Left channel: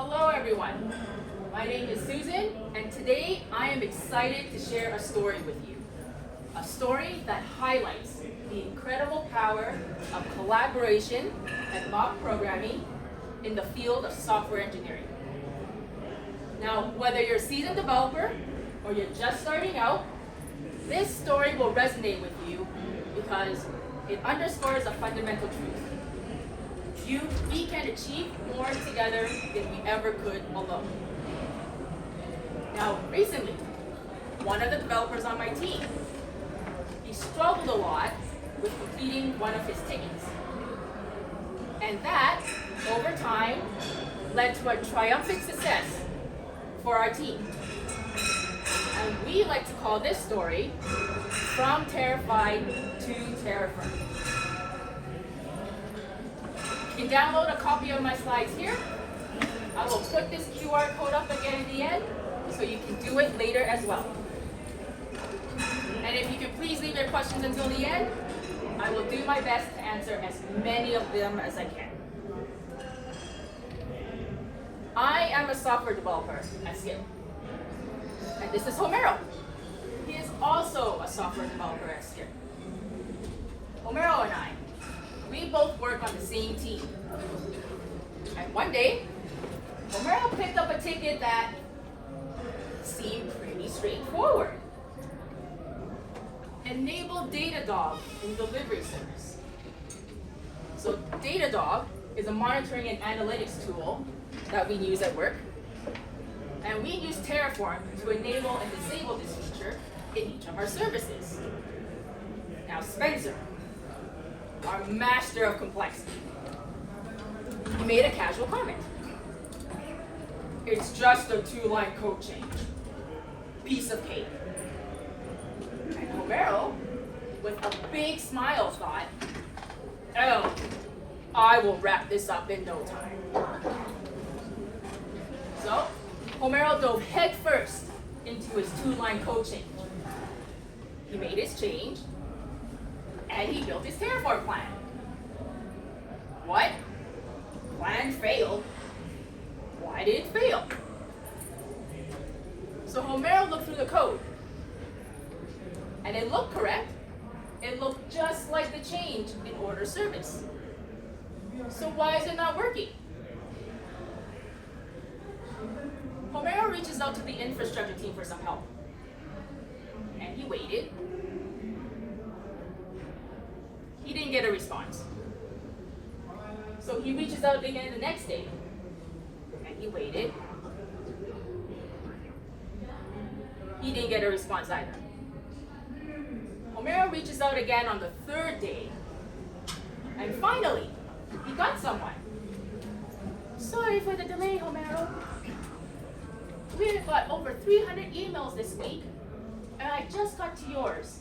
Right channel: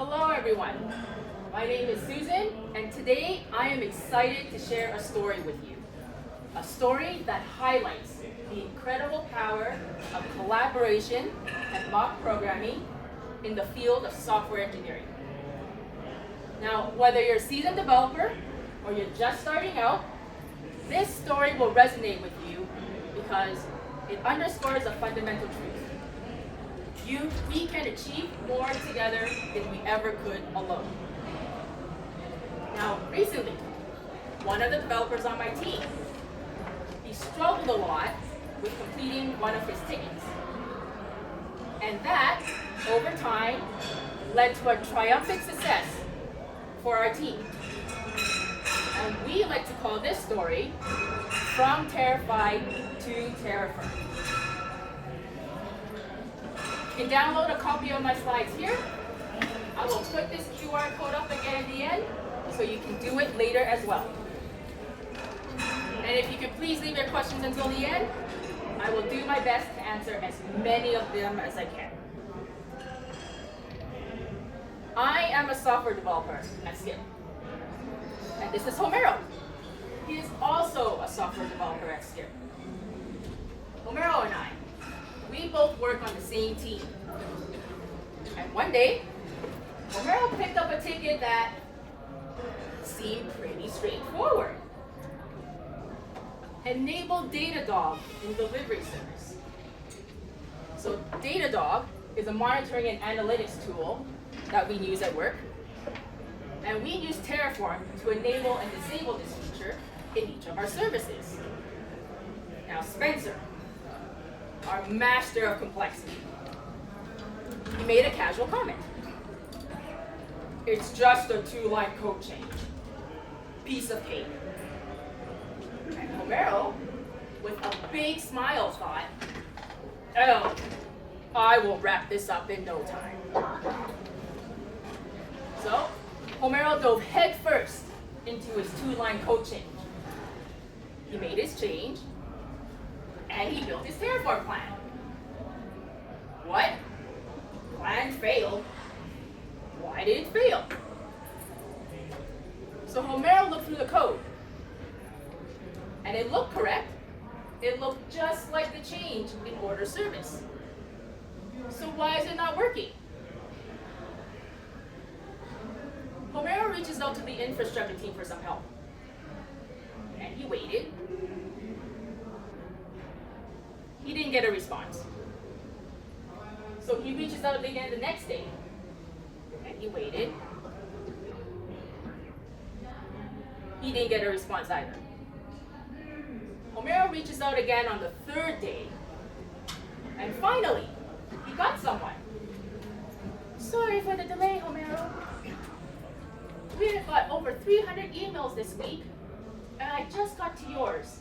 Hello everyone, my name is Susan and today I am excited to share a story with you. A story that highlights the incredible power of collaboration and mock programming in the field of software engineering. Now, whether you're a seasoned developer or you're just starting out, this story will resonate with you because it underscores a fundamental truth. We can achieve more together than we ever could alone. Now, recently, one of the developers on my team, he struggled a lot with completing one of his tickets. And that, over time, led to a triumphant success for our team. And we like to call this story, From Terra-fied to terra-firm. You can download a copy of my slides here. I will put this QR code up again at the end so you can do it later as well. And if you could please leave your questions until the end, I will do my best to answer as many of them as I can. I am a software developer at Skip. And this is Homero. He is also a software developer at Skip. Homero and I, we both work on the same team. And one day, Homero picked up a ticket that seemed pretty straightforward. Enable Datadog in delivery service. So Datadog is a monitoring and analytics tool that we use at work. And we use Terraform to enable and disable this feature in each of our services. Now Spencer, our master of complexity, he made a casual comment. It's just a 2-line code change. Piece of cake. And Homero, with a big smile, thought, oh, I will wrap this up in no time. So, Homero dove headfirst into his 2-line code change. He made his change, and he built his Terraform plan. What? Plan failed? Why did it fail? So Homero looked through the code, and it looked correct. It looked just like the change in order service. So why is it not working? Homero reaches out to the infrastructure team for some help. And he waited. He didn't get a response. So he reaches out again the next day. And he waited. He didn't get a response either. Homero reaches out again on the 3rd day. And finally, he got someone. Sorry for the delay, Homero. We've got over 300 emails this week, and I just got to yours.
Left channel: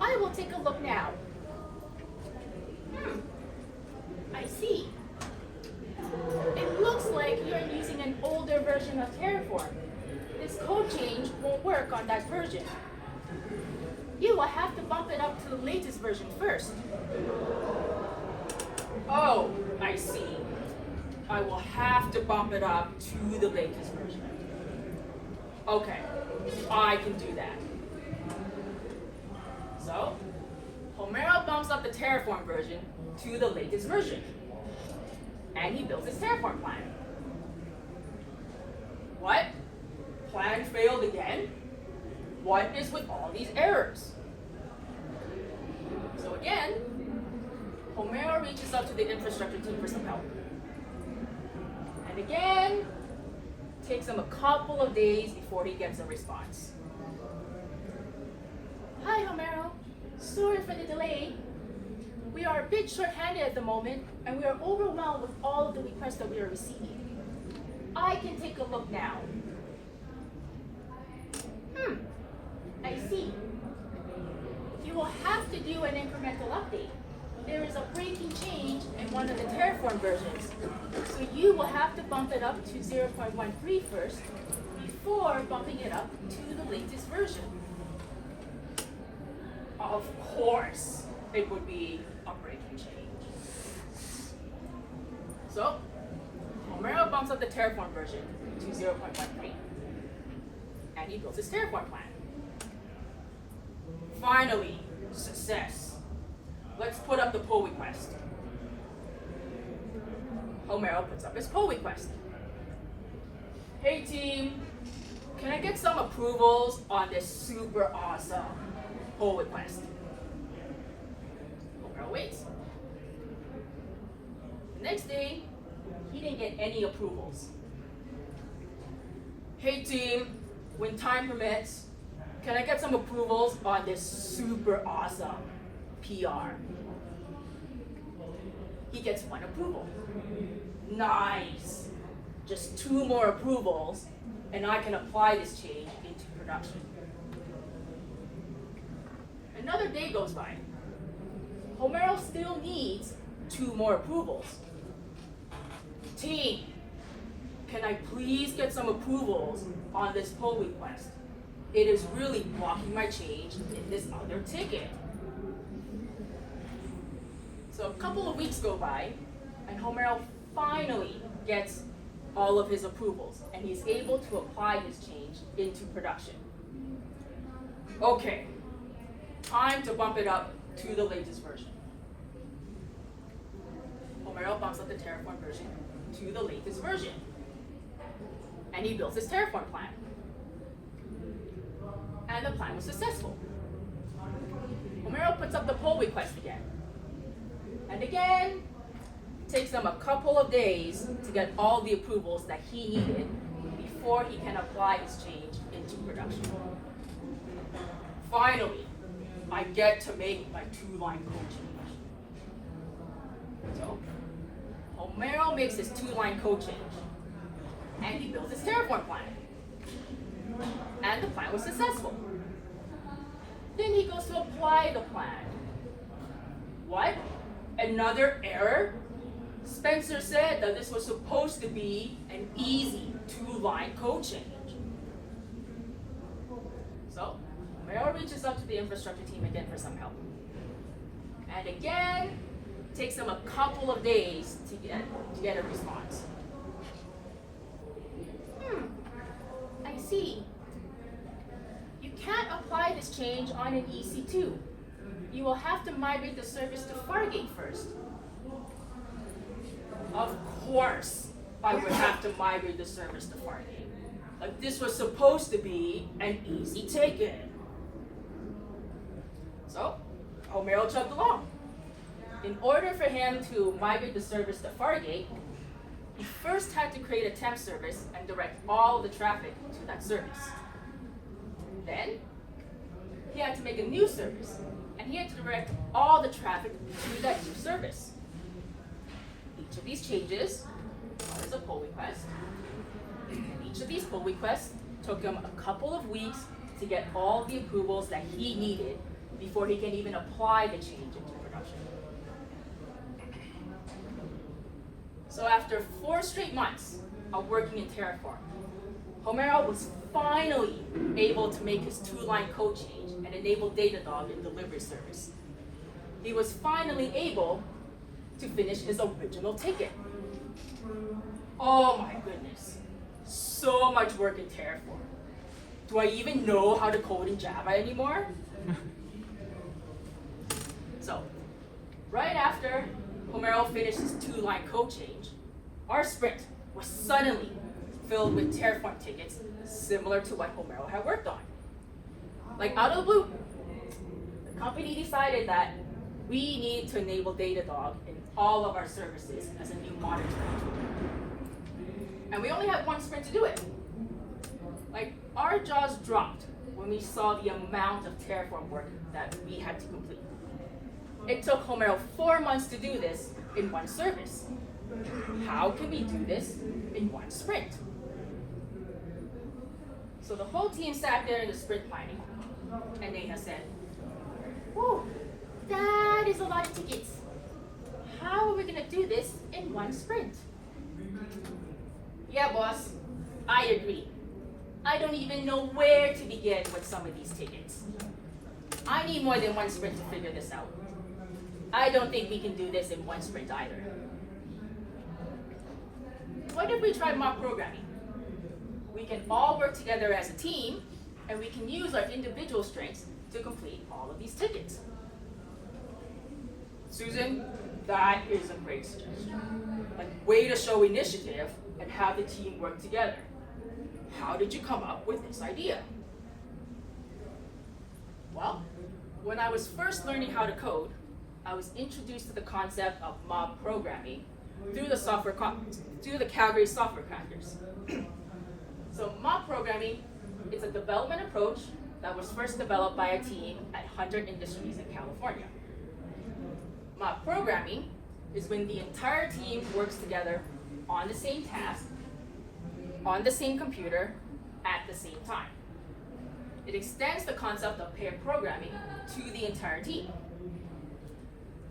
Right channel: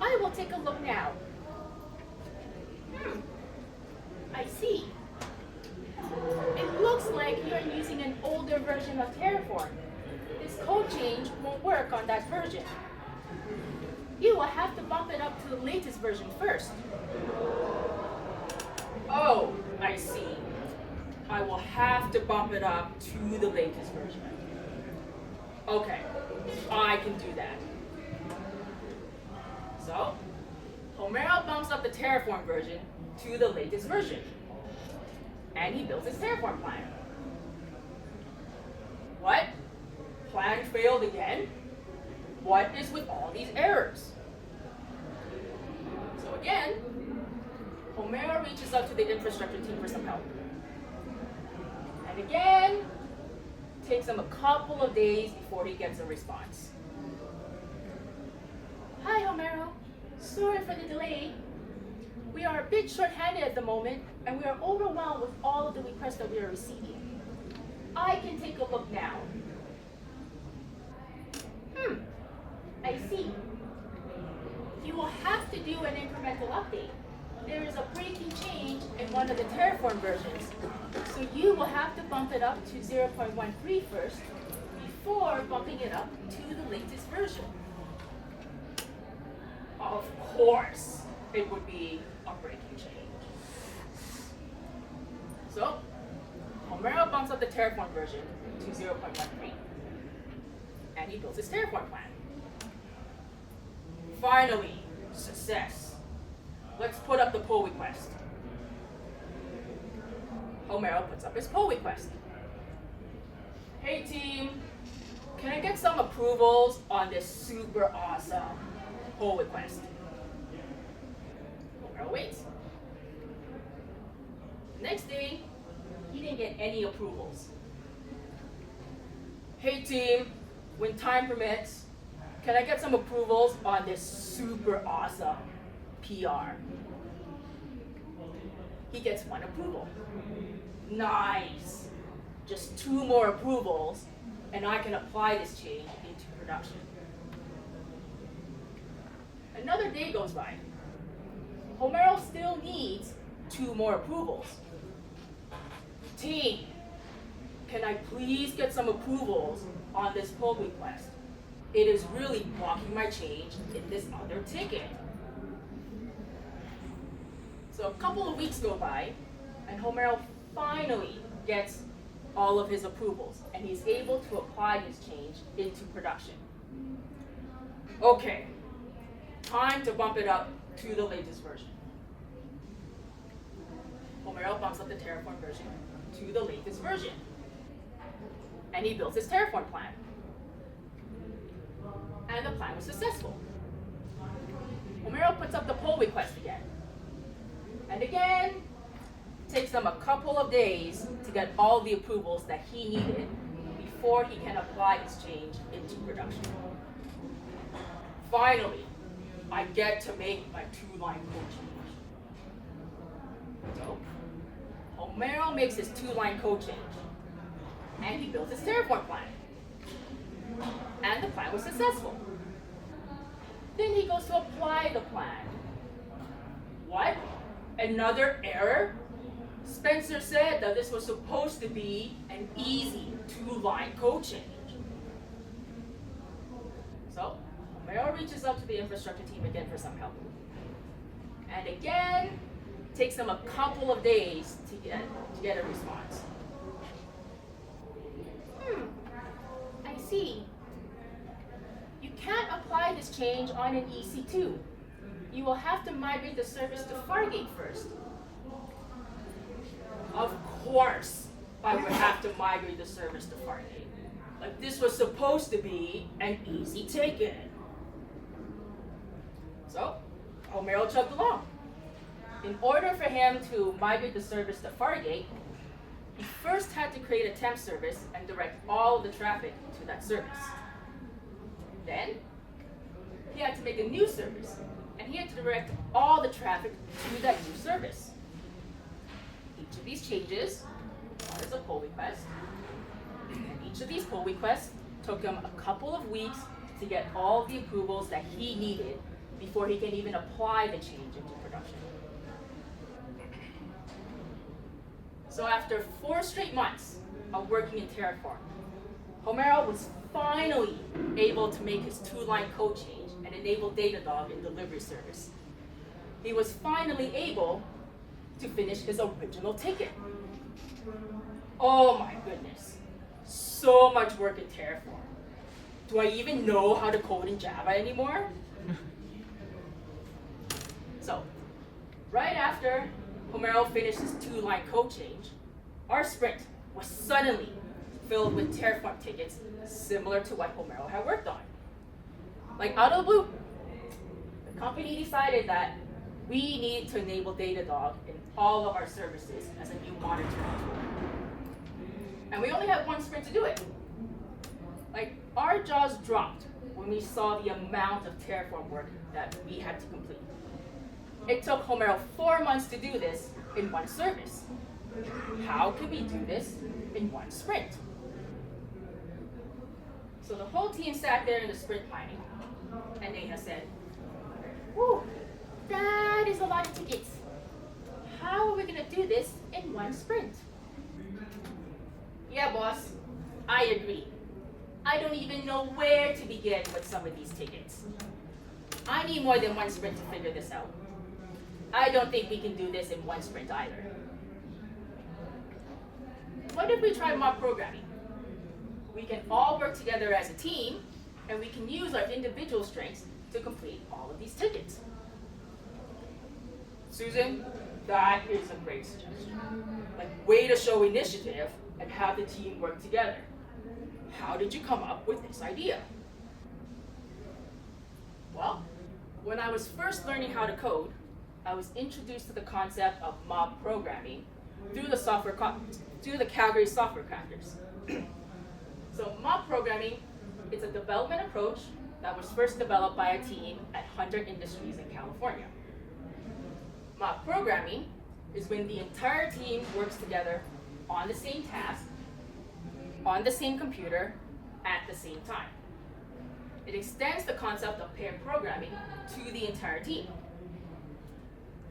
I will take a look now. I see. It looks like you're using an older version of Terraform. This code change won't work on that version. You will have to bump it up to the latest version first. Oh, I see. I will have to bump it up to the latest version. Okay, I can do that. So, Homero bumps up the Terraform version to the latest version. And he builds his Terraform plan. What? Plan failed again? What is with all these errors? So again, Homero reaches out to the infrastructure team for some help. And again, it takes him a couple of days before he gets a response. Hi, Homero. Sorry for the delay. We are a bit short-handed at the moment, and we are overwhelmed with all of the requests that we are receiving. I can take a look now. I see. You will have to do an incremental update. There is a breaking change in one of the Terraform versions, so you will have to bump it up to 0.13 first before bumping it up to the latest version. Of course, it would be a breaking change. So, Homero bumps up the terraform version to 0.13, and he builds his terraform plan. Finally, success. Let's put up the pull request. Homero puts up his pull request. Hey team, can I get some approvals on this super awesome pull request? Homero waits. Next day, he didn't get any approvals. Hey team, when time permits, can I get some approvals on this super awesome PR? He gets one approval. Nice. Just 2 more approvals, and I can apply this change into production. Another day goes by. Homero still needs 2 more approvals. Team, can I please get some approvals on this pull request? It is really blocking my change in this other ticket. So a couple of weeks go by, and Homero finally gets all of his approvals, and he's able to apply his change into production. Okay, time to bump it up to the latest version. Homero bumps up the terraform version to the latest version, and he builds his terraform plan. And the plan was successful. Homero puts up the pull request again. And again, takes him a couple of days to get all the approvals that he needed before he can apply his change into production. Finally, I get to make my 2-line code change. So, Homero makes his 2-line code change, and he builds his terraform plan. And the plan was successful. Then he goes to apply the plan. What? Another error? Spencer said that this was supposed to be an easy 2-line code change. So, Homero reaches out to the infrastructure team again for some help. And again, takes them a couple of days to get a response. I see. You can't apply this change on an EC2. You will have to migrate the service to Fargate first. Of course, I would have to migrate the service to Fargate. Like this was supposed to be an easy ticket. So, Homero chugged along. In order for him to migrate the service to Fargate, he first had to create a temp service and direct all the traffic to that service. Then, he had to make a new service, and he had to direct all the traffic to that new service. Each of these changes is a pull request. And each of these pull requests took him a couple of weeks to get all the approvals that he needed before he can even apply the change into production. So after 4 straight months of working in Terraform, Homero was finally able to make his 2-line code change and enable Datadog in delivery service. He was finally able to finish his original ticket. Oh my goodness, so much work in Terraform. Do I even know how to code in Java anymore? So, right after Homero finished his 2-line code change, our sprint was suddenly filled with Terraform tickets similar to what Homero had worked on. Like out of the blue, the company decided that we need to enable Datadog in all of our services as a new monitoring tool. And we only had 1 sprint to do it. Like our jaws dropped when we saw the amount of Terraform work that we had to complete. It took Homero 4 months to do this in 1 service. How can we do this in 1 sprint? So the whole team sat there in the sprint planning, and Dana said, "Whew, that is a lot of tickets. How are we going to do this in 1 sprint?" "Yeah, boss, I agree. I don't even know where to begin with some of these tickets. I need more than 1 sprint to figure this out. I don't think we can do this in 1 sprint either." "What what if we try mob programming? We can all work together as a team, and we can use our individual strengths to complete all of these tickets. Susan, that is a great suggestion. Like, way to show initiative and have the team work together. How did you come up with this idea? Well, when I was first learning how to code, I was introduced to the concept of mob programming through the Calgary Software Crafters. So mob programming is a development approach that was first developed by a team at Hunter Industries in California. Mob programming is when the entire team works together on the same task, on the same computer, at the same time. It extends the concept of pair programming to the entire team.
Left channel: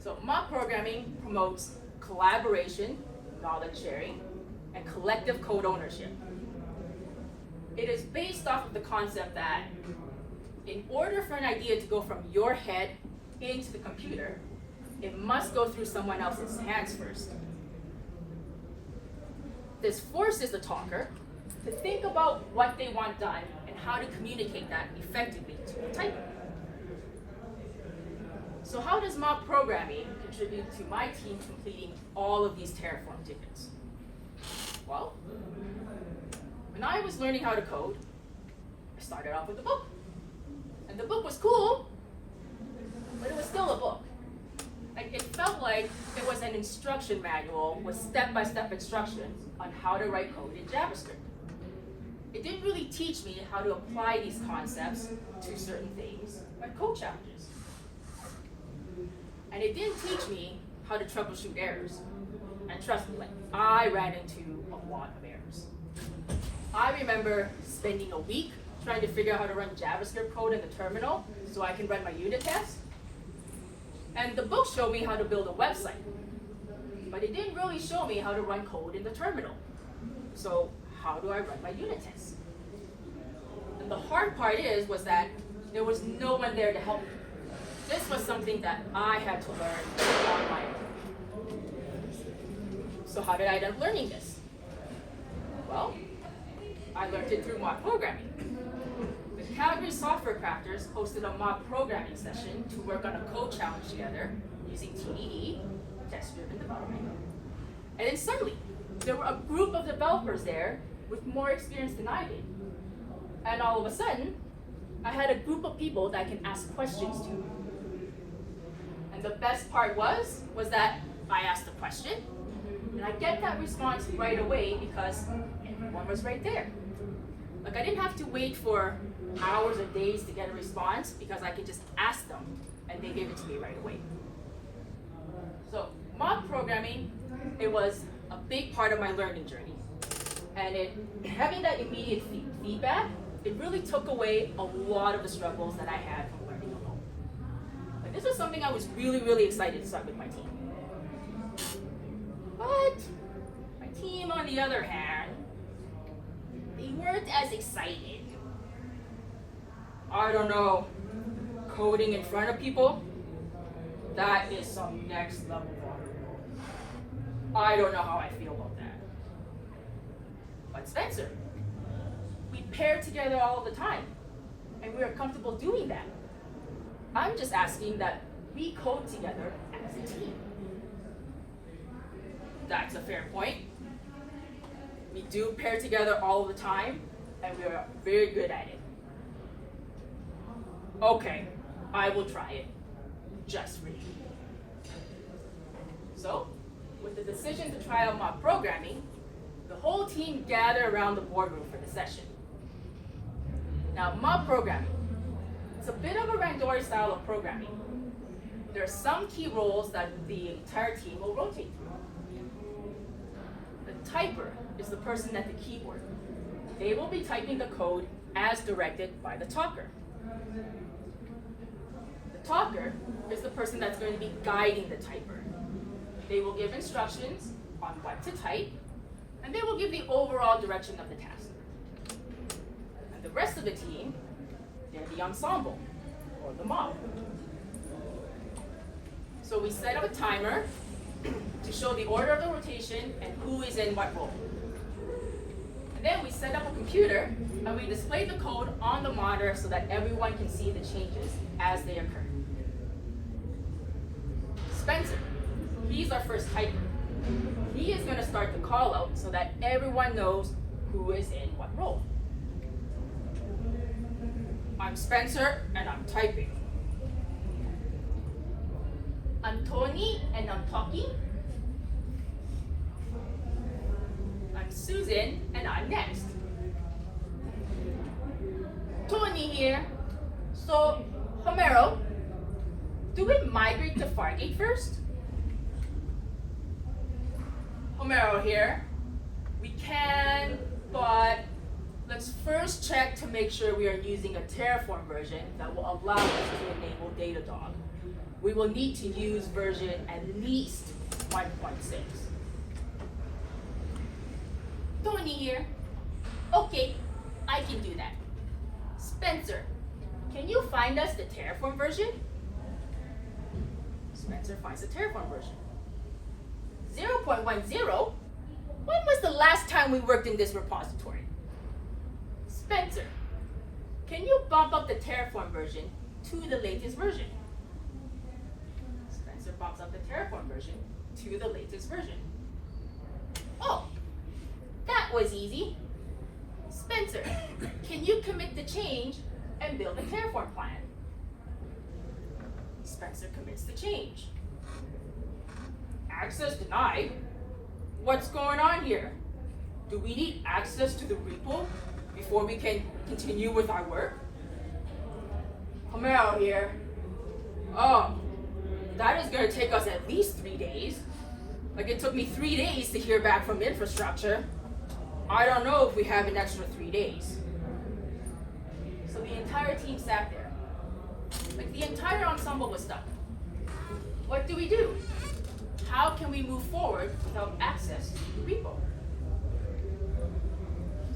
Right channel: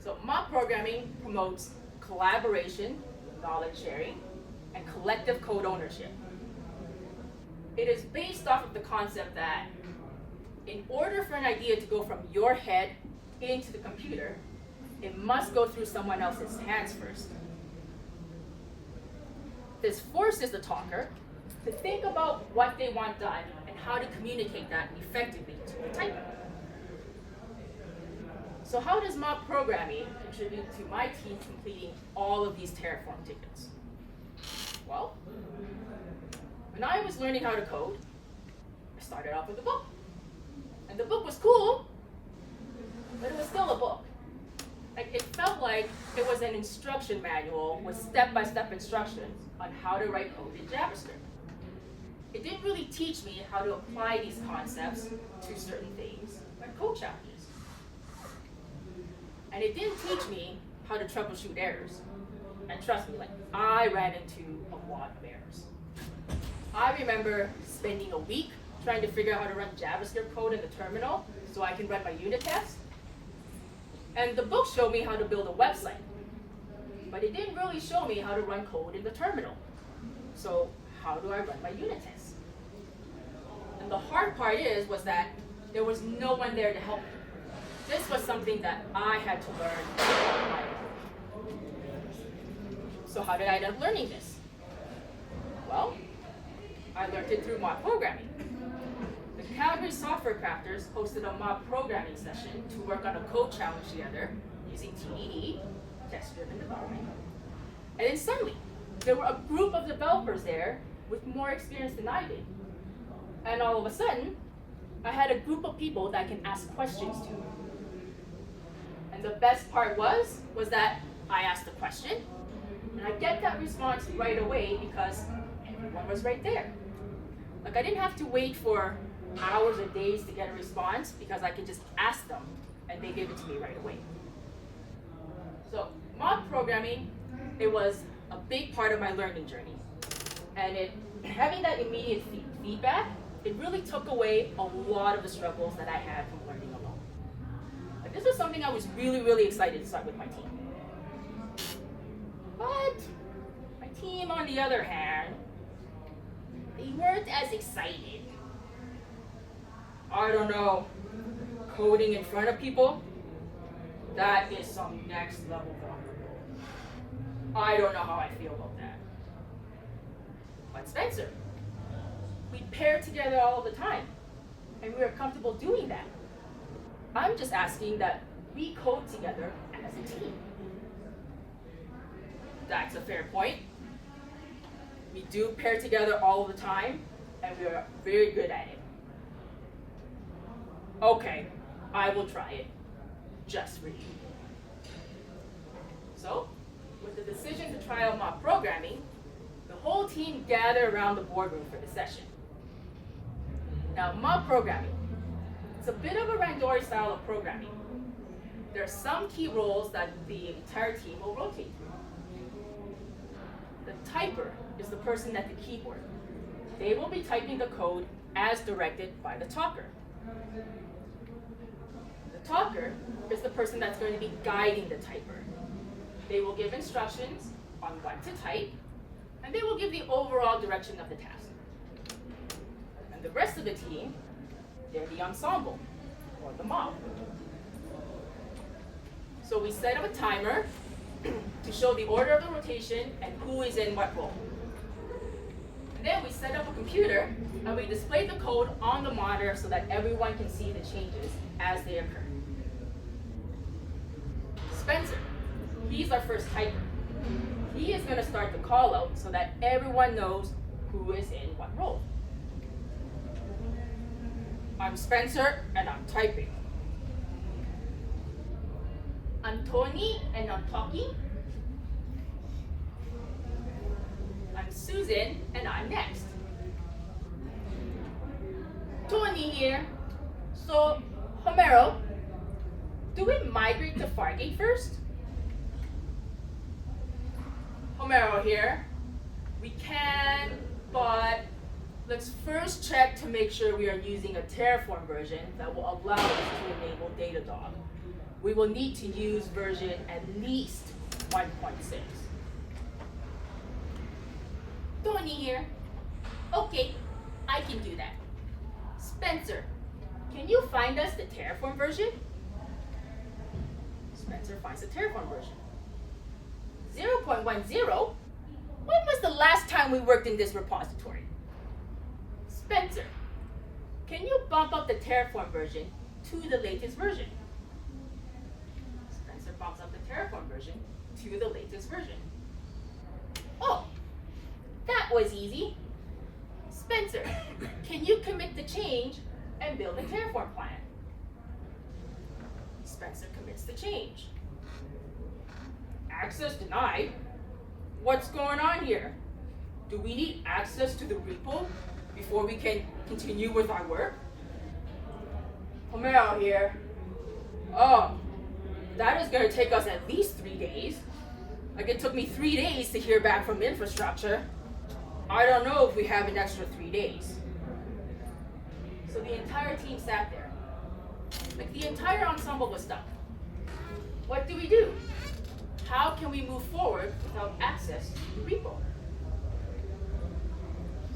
So mob programming promotes collaboration, knowledge sharing, and collective code ownership. It is based off of the concept that in order for an idea to go from your head into the computer, it must go through someone else's hands first. This forces the talker to think about what they want done and how to communicate that effectively to the typer. So how does mob programming contribute to my team completing all of these terra-firm tickets? Well, when I was learning how to code, I started off with a book. And the book was cool, but it was still a book. Like, it felt like it was an instruction manual with step-by-step instructions on how to write code in JavaScript. It didn't really teach me how to apply these concepts to certain things, like code challenges. And it didn't teach me how to troubleshoot errors. And trust me, like, I ran into a lot of errors. I remember spending a week trying to figure out how to run JavaScript code in the terminal so I can run my unit test. And the book showed me how to build a website, but it didn't really show me how to run code in the terminal. So how do I run my unit tests? And the hard part was that there was no one there to help me. This was something that I had to learn on my own. So how did I end up learning this? Well, I learned it through mob programming. The Calgary Software Crafters hosted a mob programming session to work on a code challenge together using TDD, test-driven development. And then suddenly, there were a group of developers there with more experience than I did. And all of a sudden, I had a group of people that I can ask questions to. And the best part was that I asked a question, and I get that response right away because one was right there. Like, I didn't have to wait for hours or days to get a response because I could just ask them and they gave it to me right away. So mob programming, it was a big part of my learning journey. And having that immediate feedback, it really took away a lot of the struggles that I had from learning alone. Like, this was something I was really, really excited to start with my team. But my team, on the other hand, they weren't as excited. I don't know, coding in front of people, that is some next level vulnerable. I don't know how I feel about that. But Spencer, we pair together all the time, and we are comfortable doing that. I'm just asking that we code together as a team. That's a fair point. We do pair together all the time, and we are very good at it. Okay, I will try it, just for you. So, with the decision to try out mob programming, the whole team gathered around the boardroom for the session. Now, mob programming, it's a bit of a randori style of programming. There are some key roles that the entire team will rotate through. The typer is the person at the keyboard. They will be typing the code as directed by the talker. The talker is the person that's going to be guiding the typer. They will give instructions on what to type, and they will give the overall direction of the task. And the rest of the team, they're the ensemble, or the mob. So we set up a timer to show the order of the rotation and who is in what role. Then we set up a computer and we display the code on the monitor so that everyone can see the changes as they occur. Spencer, he's our first typer. He is going to start the call out so that everyone knows who is in what role. I'm Spencer and I'm typing. I'm Tony and I'm talking. I'm Susan and I'm next. Tony here. So, Homero, do we migrate to Fargate first? Homero here. We can, but let's first check to make sure we are using a terra-firm version that will allow us to enable Datadog. We will need to use version at least 1.6. Tony here. Okay, I can do that. Spencer, can you find us the terra-firm version? Spencer finds the terra-firm version. 0.10? When was the last time we worked in this repository? Spencer, can you bump up the terra-firm version to the latest version? Spencer bumps up the terra-firm version to the latest version. Oh, that was easy. Spencer, can you commit the change and build a terra-firm plan? Spencer commits the change. Access denied? What's going on here? Do we need access to the repo before we can continue with our work? Homero here. That is going to take us at least 3 days. Like it took me 3 days to hear back from infrastructure. I don't know if we have an extra 3 days. So the entire team sat there. Like the entire ensemble was stuck. What do we do? How can we move forward without access to the repo?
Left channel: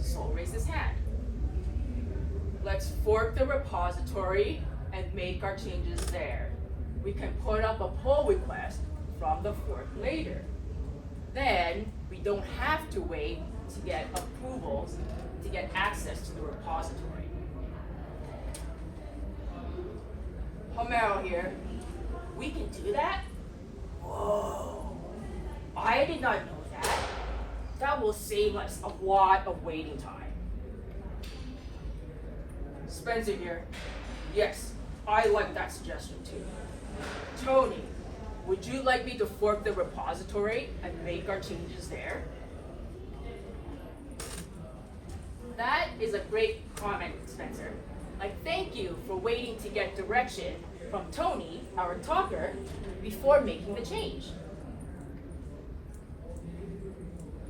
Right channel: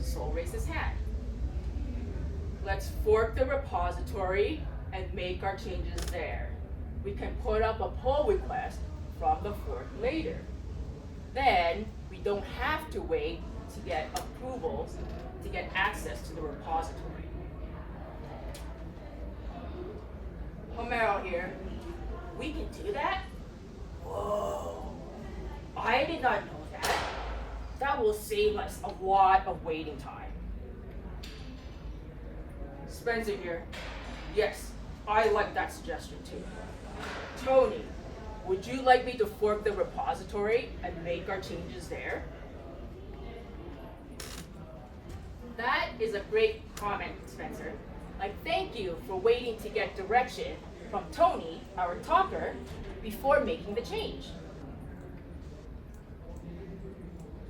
Sol raised his hand. Let's fork the repository and make our changes there. We can put up a pull request from the fork later. Then we don't have to wait to get approvals to get access to the repository. Homero here. We can do that? Whoa, I did not know that. That will save us a lot of waiting time. Spencer here. Yes, I like that suggestion too. Tony, would you like me to fork the repository and make our changes there? That is a great comment, Spencer. Thank you for waiting to get direction from Tony, our talker, before making the change.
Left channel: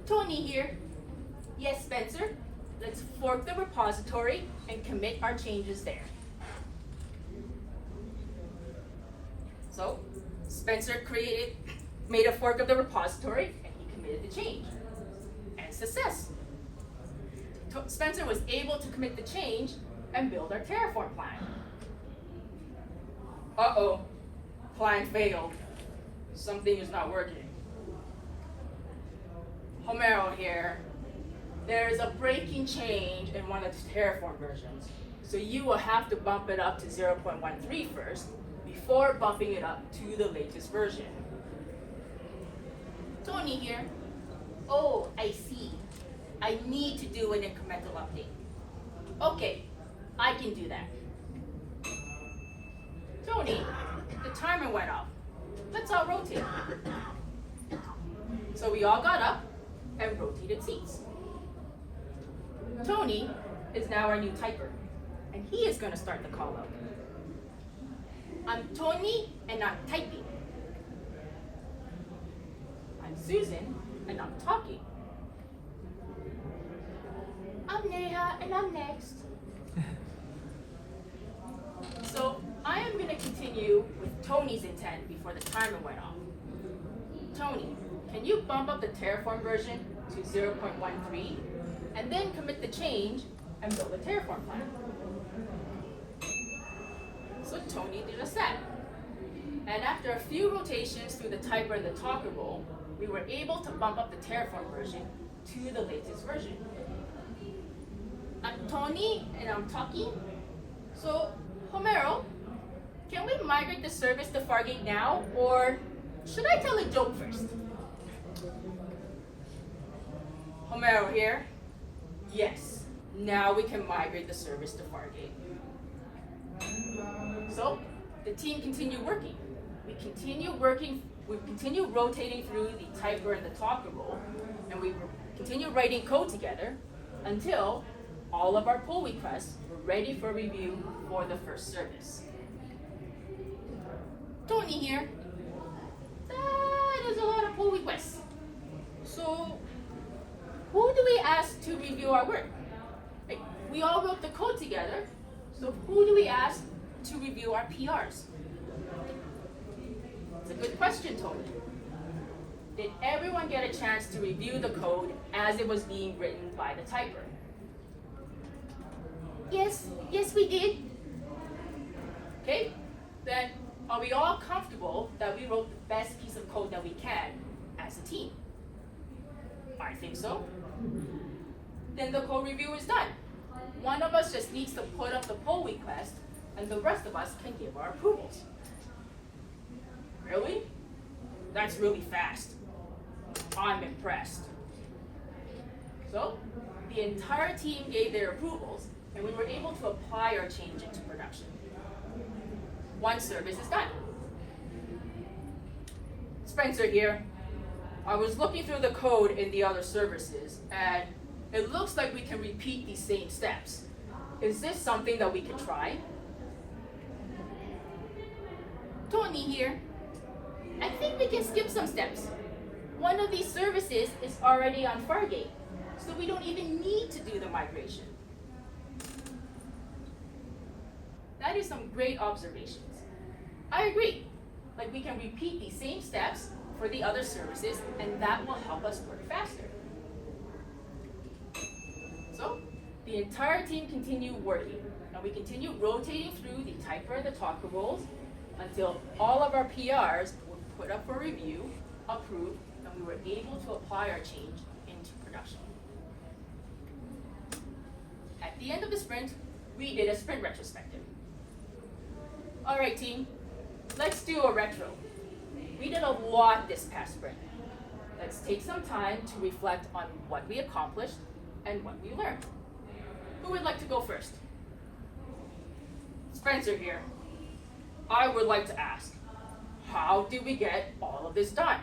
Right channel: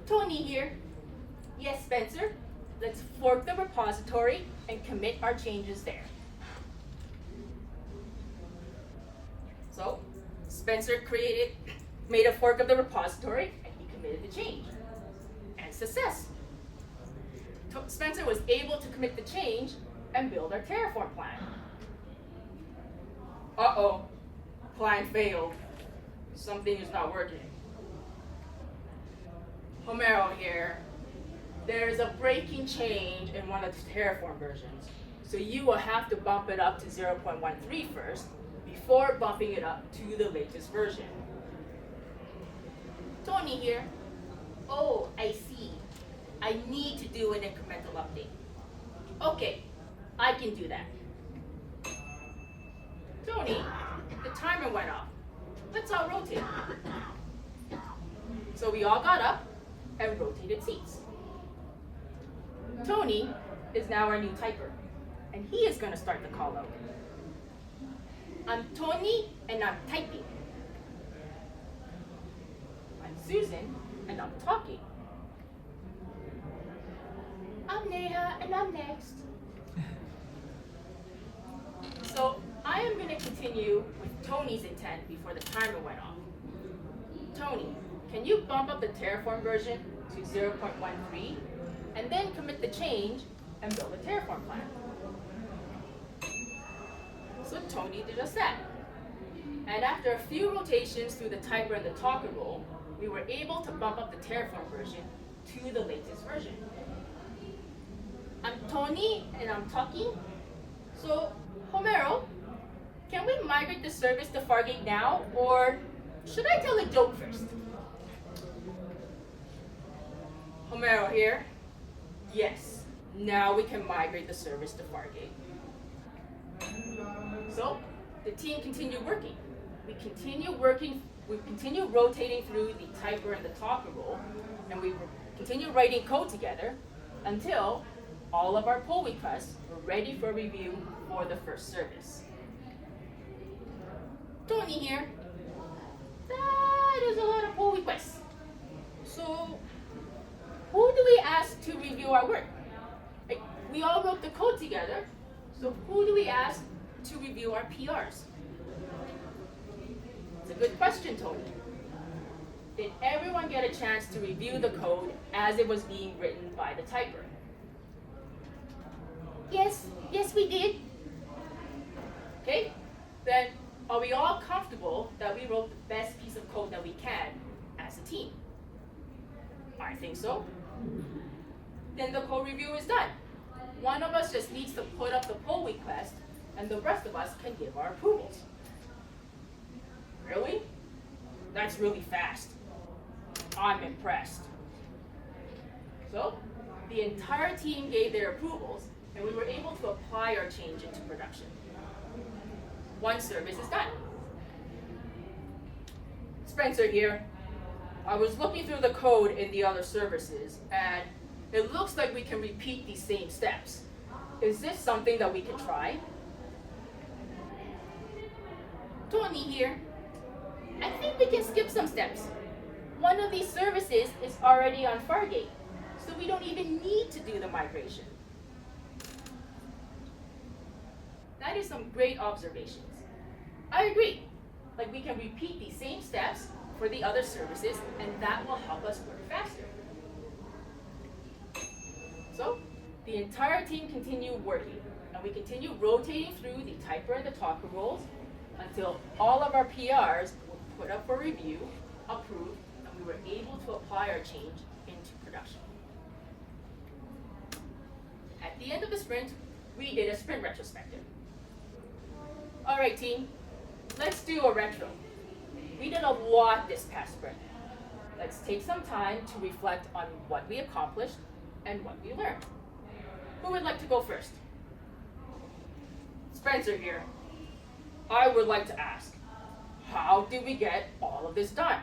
Tony here. Yes, Spencer. Let's fork the repository and commit our changes there. So, Spencer made a fork of the repository and he committed the change. And success. Spencer was able to commit the change and build our terra-firm plan. Uh-oh, plan failed. Something is not working. Homero here. There is a breaking change in one of the terra-firm versions, so you will have to bump it up to 0.13 first before bumping it up to the latest version. Tony here. Oh, I see. I need to do an incremental update. Okay, I can do that. Tony, the timer went up. Let's all rotate. So we all got up and rotated seats. Tony is now our new typer, and he is going to start the call out. I'm Tony, and I'm typing. I'm Susan, and I'm talking. I'm Neha, and I'm next. So I am going to continue with Tony's intent before the timer went off. Tony, can you bump up the terra-firm version to 0.13 and then commit the change and build a terra-firm plan? So Tony did just that. And after a few rotations through the typer and the talker role, we were able to bump up the terra-firm version to the latest version. I'm Tony, and I'm Tucky. So, Homero, can we migrate the service to Fargate now, or should I tell a joke first? Homero here. Yes, now we can migrate the service to Fargate. So, the team continued working. We continue rotating through the typer and the talker role, and we continue writing code together until all of our pull requests were ready for review for the first service. Tony here. That is a lot of pull requests. So, who do we ask to review our work? Like, we all wrote the code together, so who do we ask to review our PRs? It's a good question, Tony. Did everyone get a chance to review the code as it was being written by the typer? Yes, we did. Okay, then are we all comfortable that we wrote the best piece of code that we can as a team? I think so. Then the code review is done. One of us just needs to put up the pull request, and the rest of us can give our approvals. Really? That's really fast. I'm impressed. So, the entire team gave their approvals, and we were able to apply our change into production. One service is done. Spencer here. I was looking through the code in the other services, and it looks like we can repeat these same steps. Is this something that we can try? Tony here. I think we can skip some steps. One of these services is already on Fargate, so we don't even need to do the migration. That is some great observations. I agree. Like, we can repeat these same steps for the other services, and that will help us work faster. So, the entire team continued working, and we continued rotating through the typer and the talker roles until all of our PRs were put up for review, approved, and we were able to apply our change into production. At the end of the sprint, we did a sprint retrospective. All right, team, let's do a retro. We did a lot this past sprint. Let's take some time to reflect on what we accomplished and what we learned. Who would like to go first? Spencer here. I would like to ask, how did we get all of this done?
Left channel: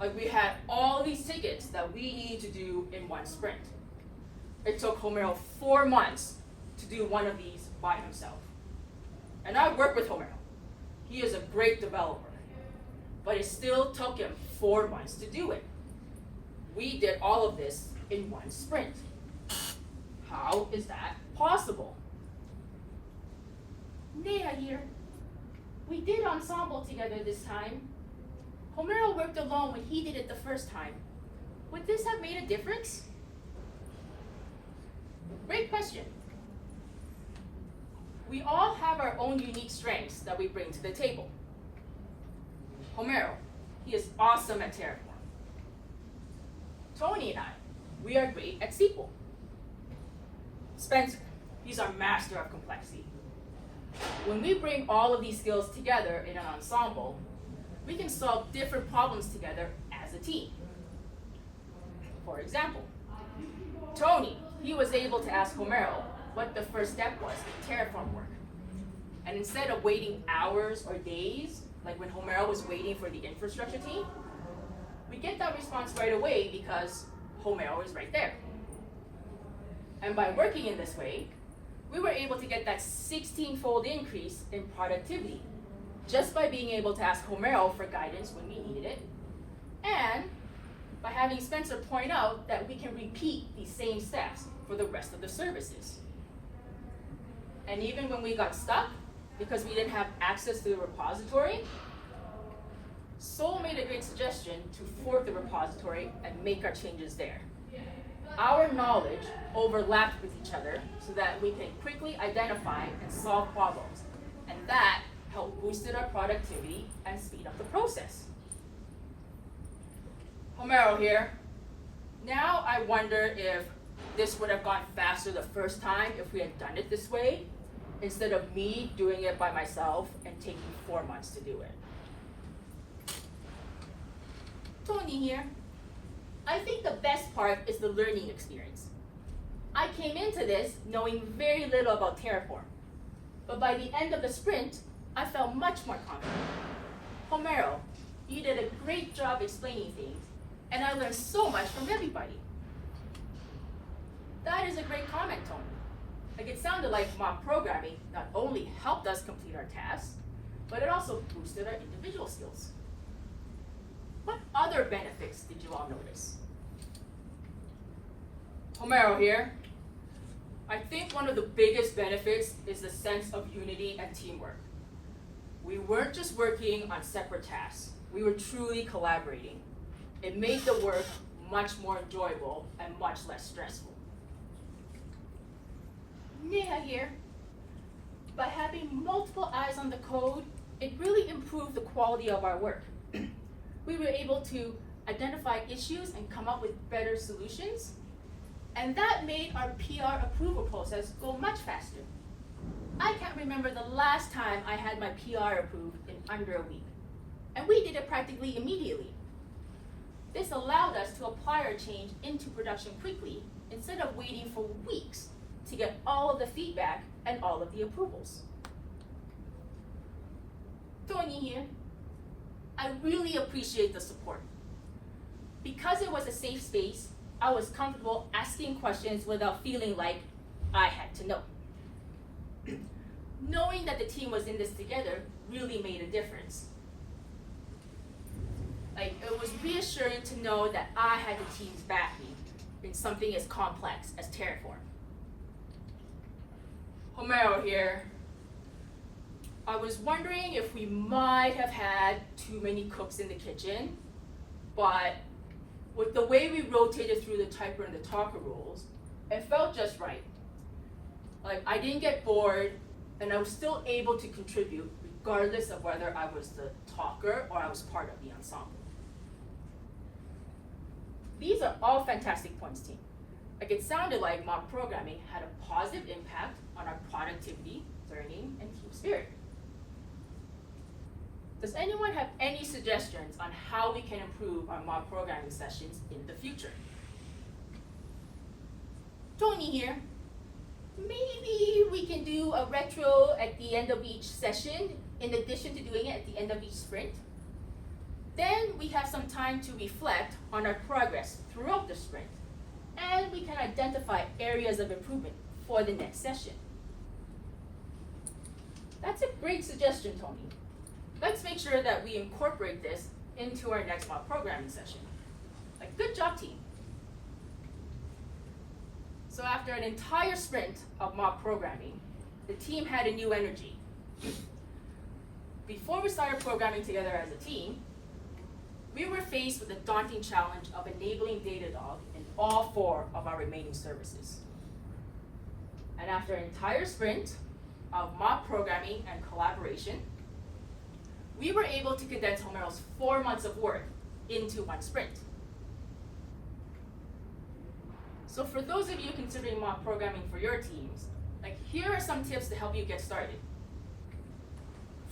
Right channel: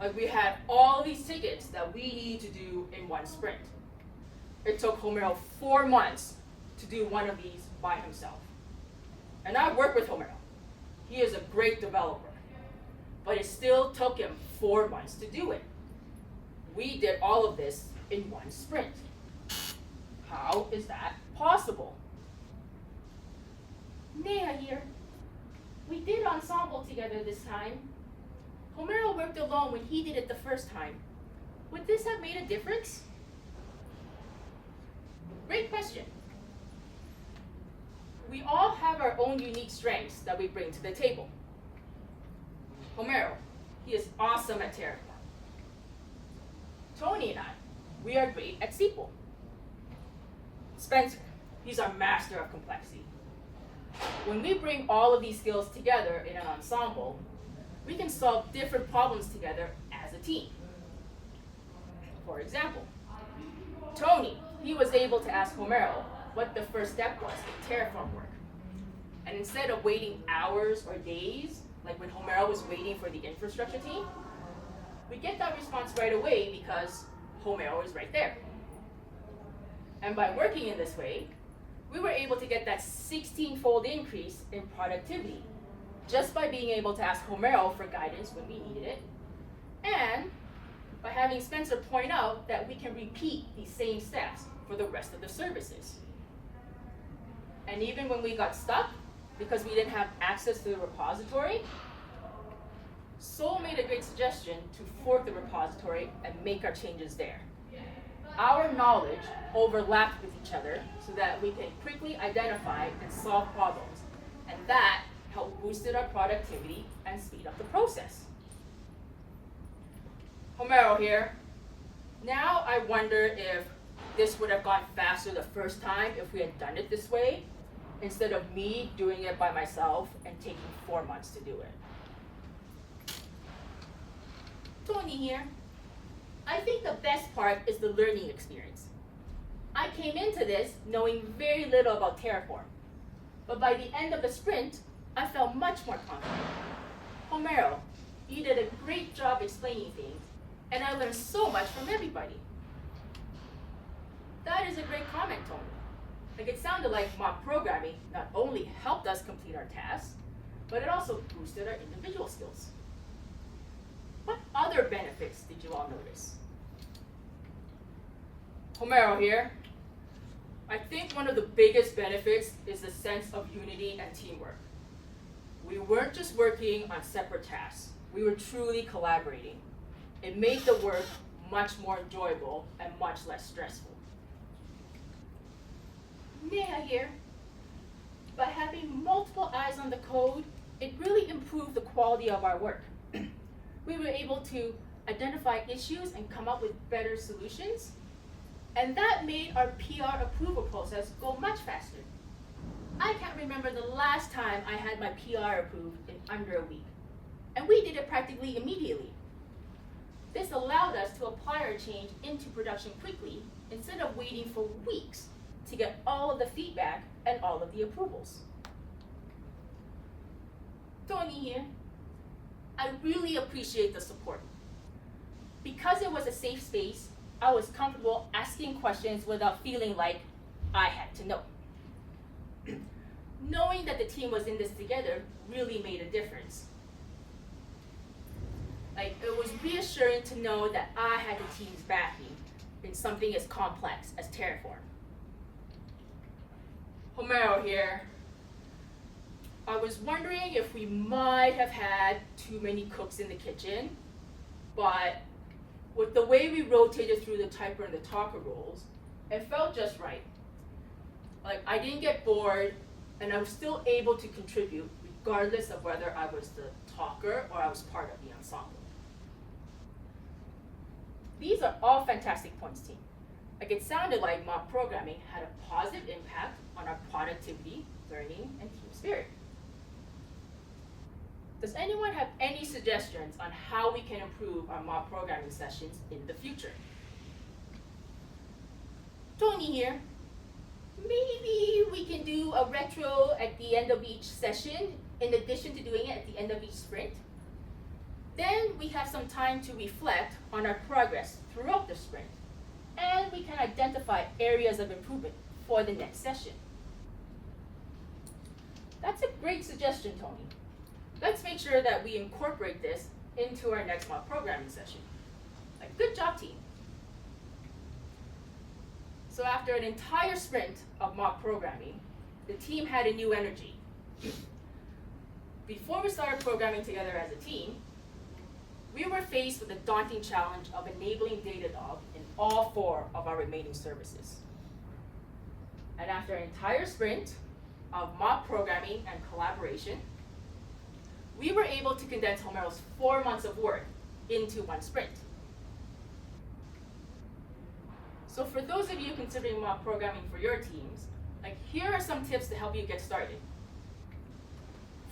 Like, we had all these tickets that we need to do in one sprint. It took Homero 4 months to do one of these by himself. And I work with Homero. He is a great developer, but it still took him 4 months to do it. We did all of this in one sprint. How is that possible? Neha here. We did ensemble together this time. Homero worked alone when he did it the first time. Would this have made a difference? Great question. We all have our own unique strengths that we bring to the table. Homero, he is awesome at terra-firm. Tony and I, we are great at SQL. Spencer, he's our master of complexity. When we bring all of these skills together in an ensemble, we can solve different problems together as a team. For example, Tony, he was able to ask Homero what the first step was in terra-firm work. And instead of waiting hours or days, like when Homero was waiting for the infrastructure team, we get that response right away because Homero is right there. And by working in this way, we were able to get that 16-fold increase in productivity just by being able to ask Homero for guidance when we needed it, and by having Spencer point out that we can repeat these same steps for the rest of the services. And even when we got stuck, because we didn't have access to the repository, Sol made a great suggestion to fork the repository and make our changes there. Our knowledge overlapped with each other so that we can quickly identify and solve problems, and that helped boosted our productivity and speed up the process. Homero here. Now I wonder if this would have gone faster the first time if we had done it this way, instead of me doing it by myself and taking 4 months to do it. Tony here. I think the best part is the learning experience. I came into this knowing very little about Terraform, but by the end of the sprint, I felt much more confident. Homero, you did a great job explaining things, and I learned so much from everybody. That is a great comment, Tony. Like, it sounded like mock programming not only helped us complete our tasks, but it also boosted our individual skills. What other benefits did you all notice? Homero here. I think one of the biggest benefits is the sense of unity and teamwork. We weren't just working on separate tasks. We were truly collaborating. It made the work much more enjoyable and much less stressful. Neha here. By having multiple eyes on the code, it really improved the quality of our work. We were able to identify issues and come up with better solutions, and that made our PR approval process go much faster. I can't remember the last time I had my PR approved in under a week, and we did it practically immediately. This allowed us to apply our change into production quickly instead of waiting for weeks to get all of the feedback and all of the approvals. Tony here. I really appreciate the support. Because it was a safe space, I was comfortable asking questions without feeling like I had to know. Knowing that the team was in this together really made a difference. Like, it was reassuring to know that I had the team's backing in something as complex as Terraform. Homero here. I was wondering if we might have had too many cooks in the kitchen, but with the way we rotated through the typer and the talker roles, it felt just right. Like, I didn't get bored, and I was still able to contribute regardless of whether I was the talker or I was part of the ensemble. These are all fantastic points, team. Like, it sounded like mock programming had a positive impact on our productivity, learning, and team spirit. Does anyone have any suggestions on how we can improve our mock programming sessions in the future? Tony here. Maybe we can do a retro at the end of each session in addition to doing it at the end of each sprint. Then we have some time to reflect on our progress throughout the sprint, and we can identify areas of improvement for the next session. That's a great suggestion, Tony. Let's make sure that we incorporate this into our next mock programming session. Like, good job, team. So after an entire sprint of mock programming, the team had a new energy. Before we started programming together as a team, we were faced with the daunting challenge of enabling Datadog in all 4 of our remaining services. And after an entire sprint of mock programming and collaboration, we were able to condense Homero's 4 months of work into 1 sprint. So for those of you considering mock programming for your teams, like, here are some tips to help you get started.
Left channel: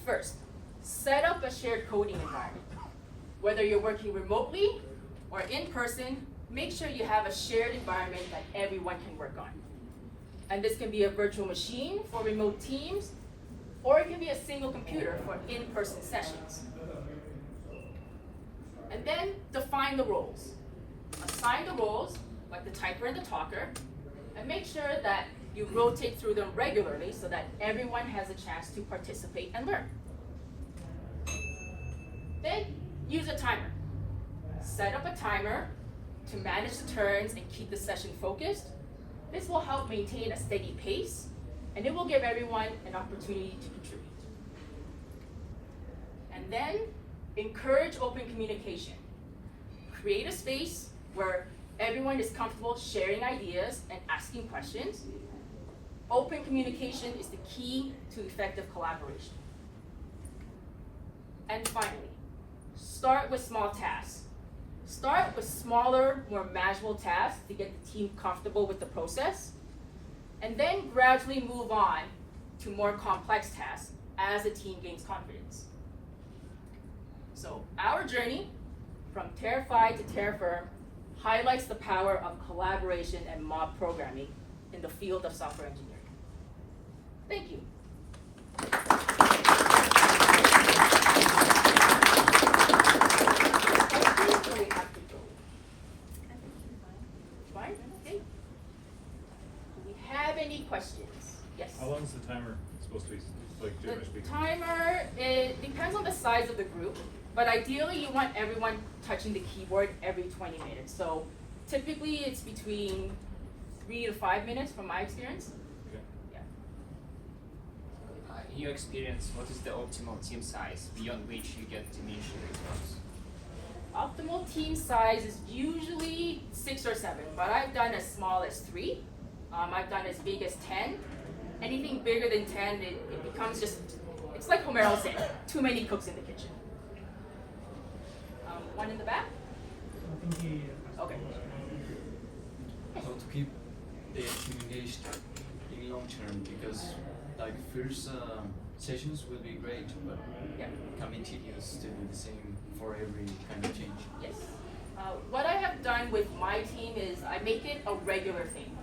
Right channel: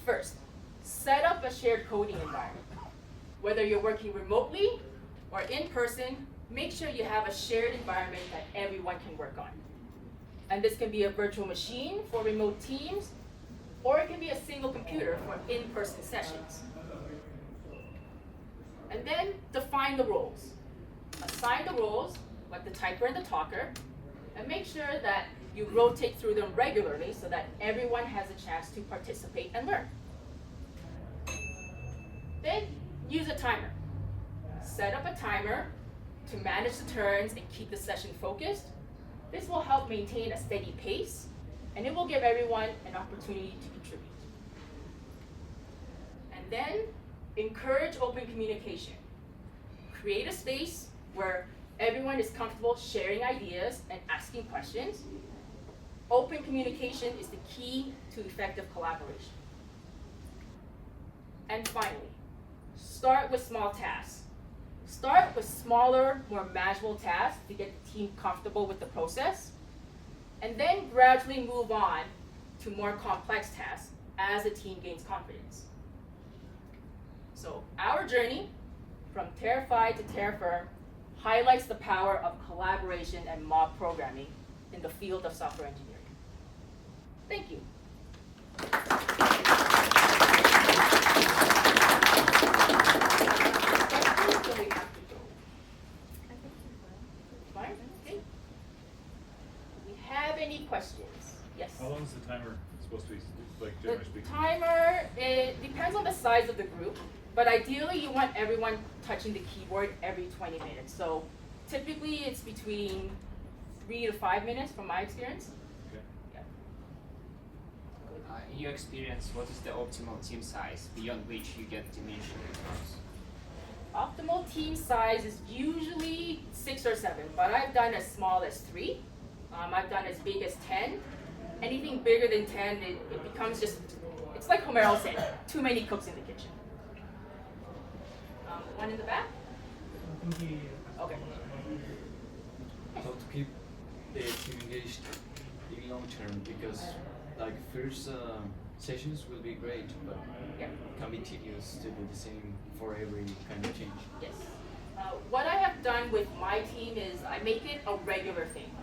First, set up a shared coding environment. Whether you're working remotely or in person, make sure you have a shared environment that everyone can work on. And this can be a virtual machine for remote teams, or it can be a single computer for in-person sessions. And then define the roles. Assign the roles, like the typer and the talker, and make sure that you rotate through them regularly so that everyone has a chance to participate and learn. Then use a timer. Set up a timer to manage the turns and keep the session focused. This will help maintain a steady pace, and it will give everyone an opportunity to contribute. And then encourage open communication. Create a space where everyone is comfortable sharing ideas and asking questions. Open communication is the key to effective collaboration. And finally, start with small tasks. Start with smaller, more manageable tasks to get the team comfortable with the process, and then gradually move on to more complex tasks as the team gains confidence. So our journey from terra-fied to terra-firm highlights the power of collaboration and mob programming in the field of software engineering. Thank you. Fine? Okay. Do we have any questions? Yes? How long is the timer supposed to be, like, generally The speaking? timer, it depends on the size of the group, but ideally you want everyone touching the keyboard every 20 minutes. So typically it's between 3 to 5 minutes from my experience. Okay. Yeah. In your experience, what is the optimal team size beyond which you get diminished returns? Optimal team size is usually 6 or 7, but I've done as small as 3. I've done as big as 10. Anything bigger than 10, it becomes just, it's like Homero said, too many cooks in the kitchen. One in the back? Okay. How to keep the team engaged in long term, because like first sessions will be great, but Yep. it can be tedious to do the same for every kind of change. Yes. What I have done with my team is I make it a regular thing.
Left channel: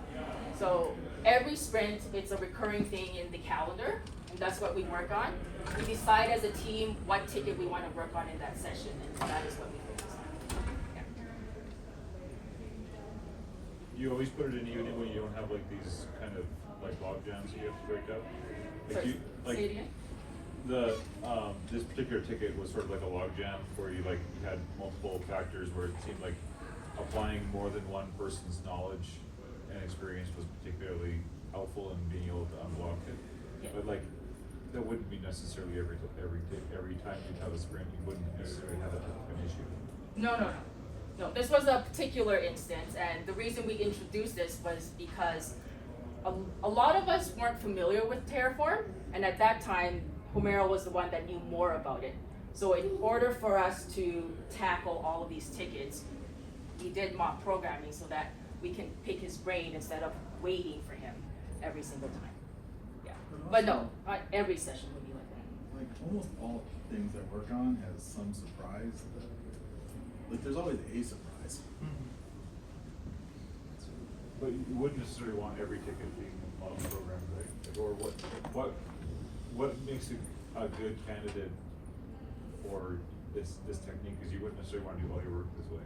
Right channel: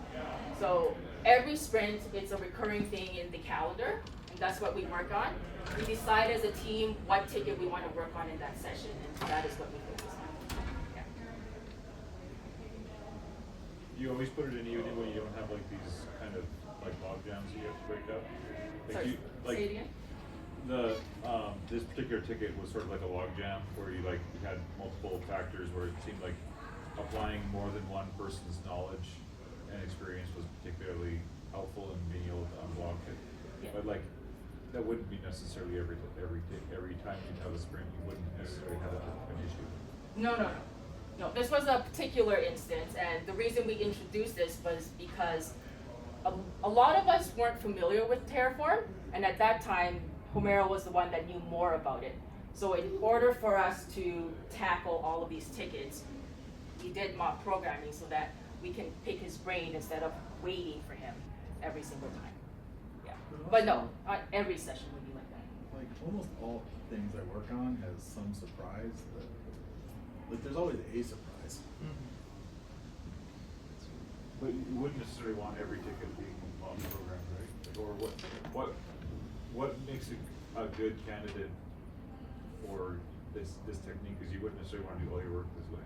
So every sprint, it's a recurring thing in the calendar, and that's what we work on. We decide as a team what ticket we want to work on in that session, and that is what we focus on. Yeah. You always put it in evening when you don't have like these kind of like log jams that you have to break up? Like Sorry, you, like say it again? the, this particular ticket was sort of like a log jam where you had multiple factors where it seemed like applying more than one person's knowledge and experience was particularly helpful in being able to unblock it. Yeah. But like, that wouldn't be necessarily every time you have a sprint, you wouldn't necessarily have an issue. No. This was a particular instance, and the reason we introduced this was because a lot of us weren't familiar with Terraform, and at that time, Homero was the one that knew more about it. So in order for us to tackle all of these tickets, we did mock programming so that we can pick his brain instead of waiting for him every single time. Yeah, but no, every session would be like that. Like almost all things I work on has some surprise. Like there's always a surprise. But you wouldn't necessarily want every ticket being mob programmed, right? Like, or what makes a good candidate for this technique? Because you wouldn't necessarily want to do all your work this way.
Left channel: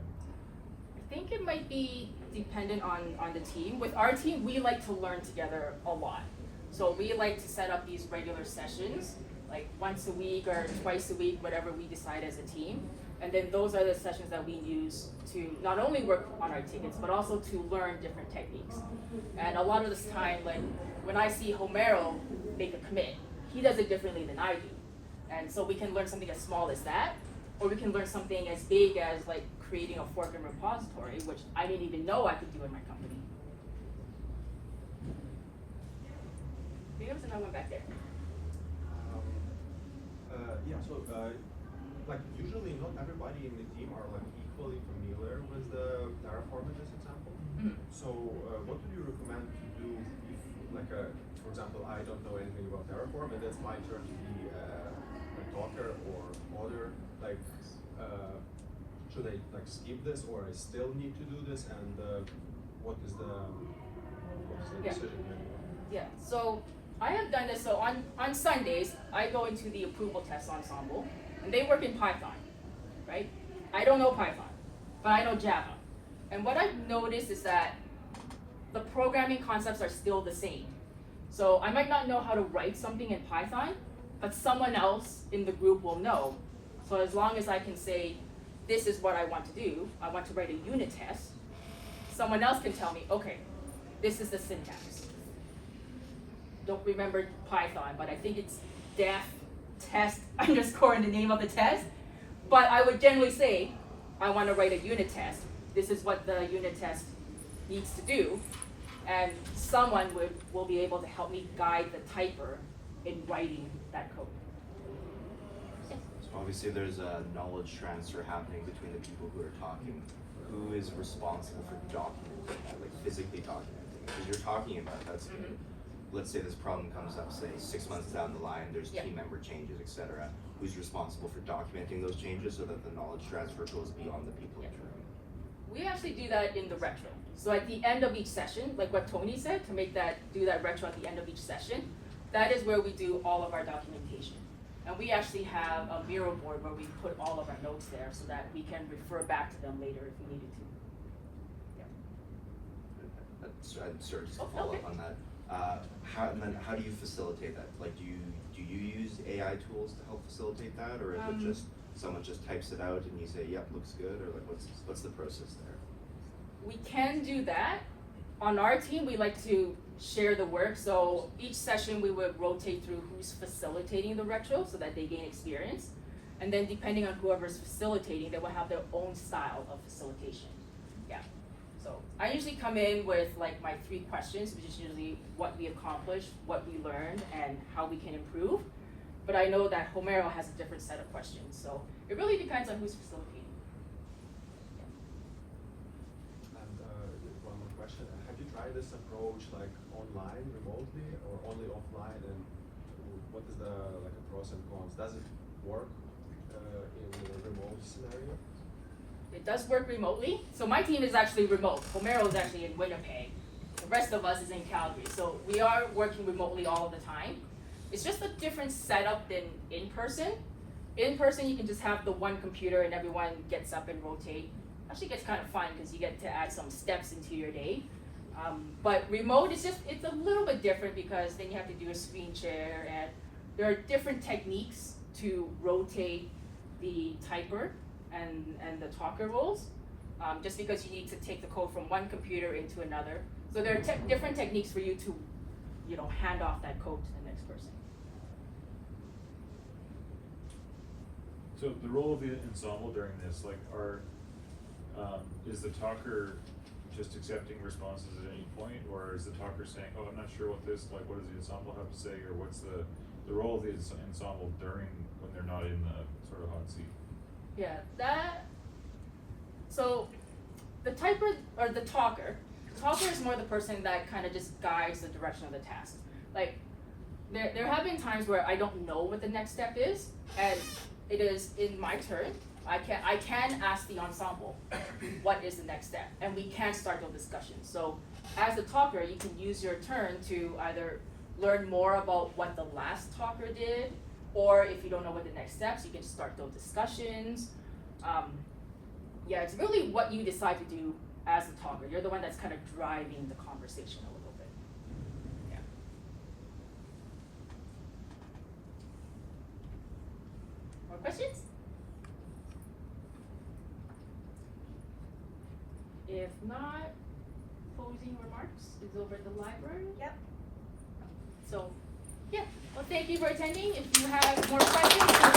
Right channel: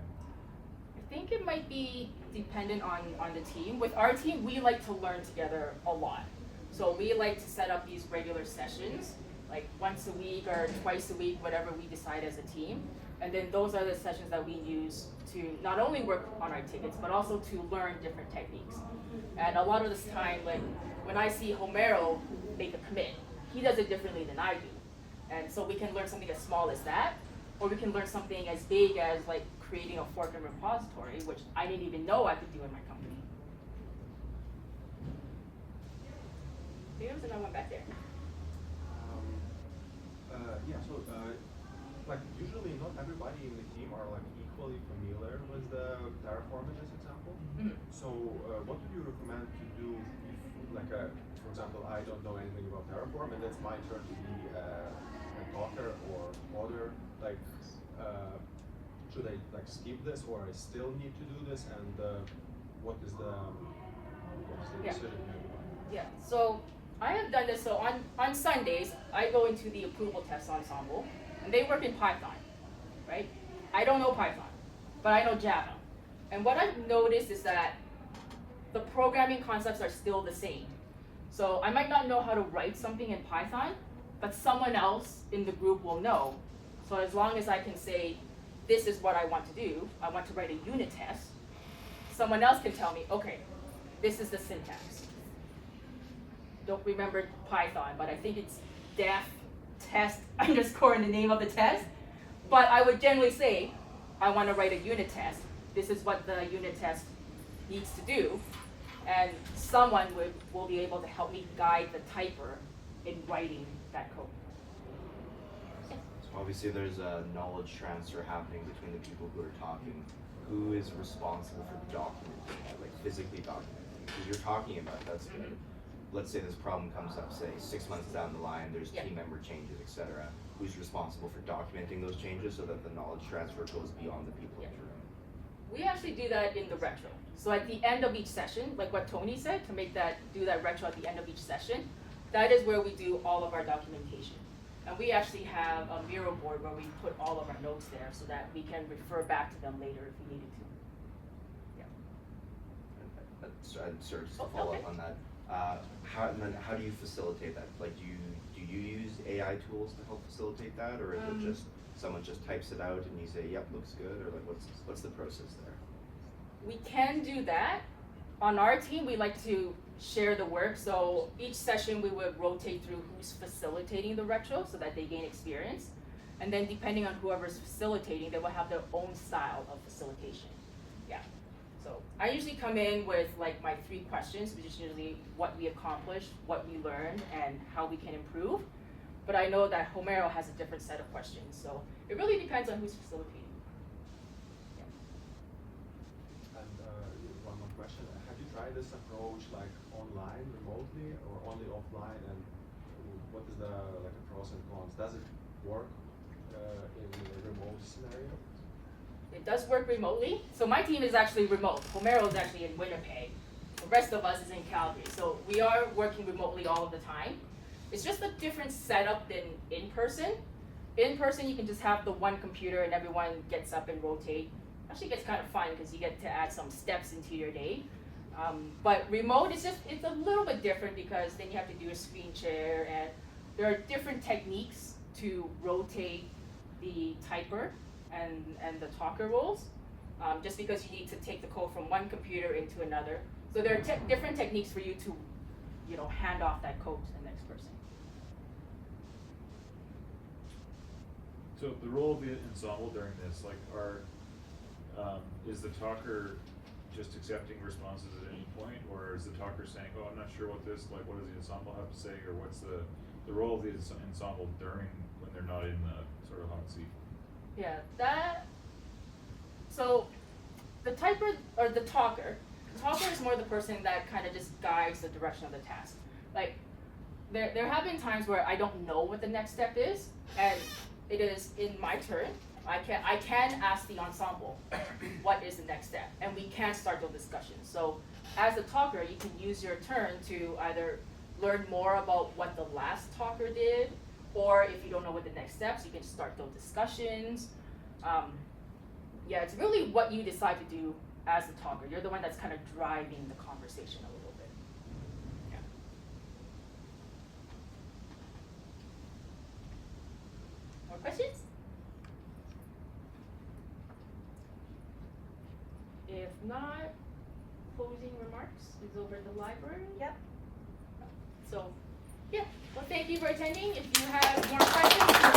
I think it might be dependent on the team. With our team, we like to learn together a lot. So we like to set up these regular sessions, like once a week or twice a week, whatever we decide as a team. And then those are the sessions that we use to not only work on our tickets, but also to learn different techniques. And a lot of this time, like when I see Homero make a commit, he does it differently than I do. And so we can learn something as small as that, or we can learn something as big as like creating a fork-in repository, which I didn't even know I could do in my company. There's another one back there. Like usually not everybody in the team are like equally familiar with the Terraform in this example. Mm-hmm. So what do you recommend to do if, like, for example, I don't know anything about Terraform and it's my turn to be a talker or coder? Like, should I like skip this or I still need to do this? And what is the decision? Yeah, so I have done this. So on Sundays, I go into the approval test ensemble, and they work in Python, right? I don't know Python, but I know Java. And what I've noticed is that the programming concepts are still the same. So I might not know how to write something in Python, but someone else in the group will know. So as long as I can say, this is what I want to do, I want to write a unit test, someone else can tell me, okay, this is the syntax. Don't remember Python, but I think it's def test underscore in the name of the test. But I would generally say, I want to write a unit test. This is what the unit test needs to do. And someone will be able to help me guide the typer in writing that code. As obviously there's a knowledge transfer happening between the people who are talking. Who is responsible for documenting, like physically documenting? Because you're talking about that's good. Let's say this problem comes up, say 6 months down the line, there's Yeah. team member changes, etc. Who's responsible for documenting those changes so that the knowledge transfer goes beyond the people in the room? We actually do that in the retro. So at the end of each session, like what Tony said, to do that retro at the end of each session, that is where we do all of our documentation. And we actually have a Miro board where we put all of our notes there so that we can refer back to them later if we needed to. I'm sorry, just to Oh, follow okay. up on that. How do you facilitate that? Like, do you use AI tools to help facilitate that, or is it just someone just types it out and you say, "Yep, looks good," or like what's the process there? We can do that. On our team, we like to share the work. So each session we would rotate through who's facilitating the retro so that they gain experience. And then depending on whoever's facilitating, they will have their own style of facilitation. Yeah. So I usually come in with like my 3 questions, which is usually what we accomplished, what we learned, and how we can improve. But I know that Homero has a different set of questions. So it really depends on who's facilitating. And one more question: have you tried this approach like online, remotely, or only offline? And what is the pros and cons? Does it work in a remote scenario? It does work remotely. So my team is actually remote. Homero is actually in Winnipeg. The rest of us is in Calgary. So we are working remotely all of the time. It's just a different setup than in person. In person, you can just have the one computer and everyone gets up and rotate. Actually gets kind of fun because you get to add some steps into your day. But remote is it's a little bit different because then you have to do a screen share, and there are different techniques to rotate the typer and the talker roles, just because you need to take the code from one computer into another. So there are different techniques for you to, hand off that code to the next person. So the role of the ensemble during this, like, is the talker just accepting responses at any point, or is the talker saying, "Oh, I'm not sure what this, like, what does the ensemble have to say," or what's the role of the ensemble during when they're not in the sort of hot seat? Yeah, so the typer or the talker is more the person that kind of just guides the direction of the task. Like there have been times where I don't know what the next step is, and it is in my turn. I can ask the ensemble what is the next step, and we can start the discussion. So as a talker, you can use your turn to either learn more about what the last talker did, or if you don't know what the next steps, you can start those discussions. Yeah, it's really what you decide to do as a talker. You're the one that's kind of driving the conversation a little bit. Yeah. More questions? If not, closing remarks is over at the library. Yep. So, yeah. Well, thank you for attending. If you have more questions,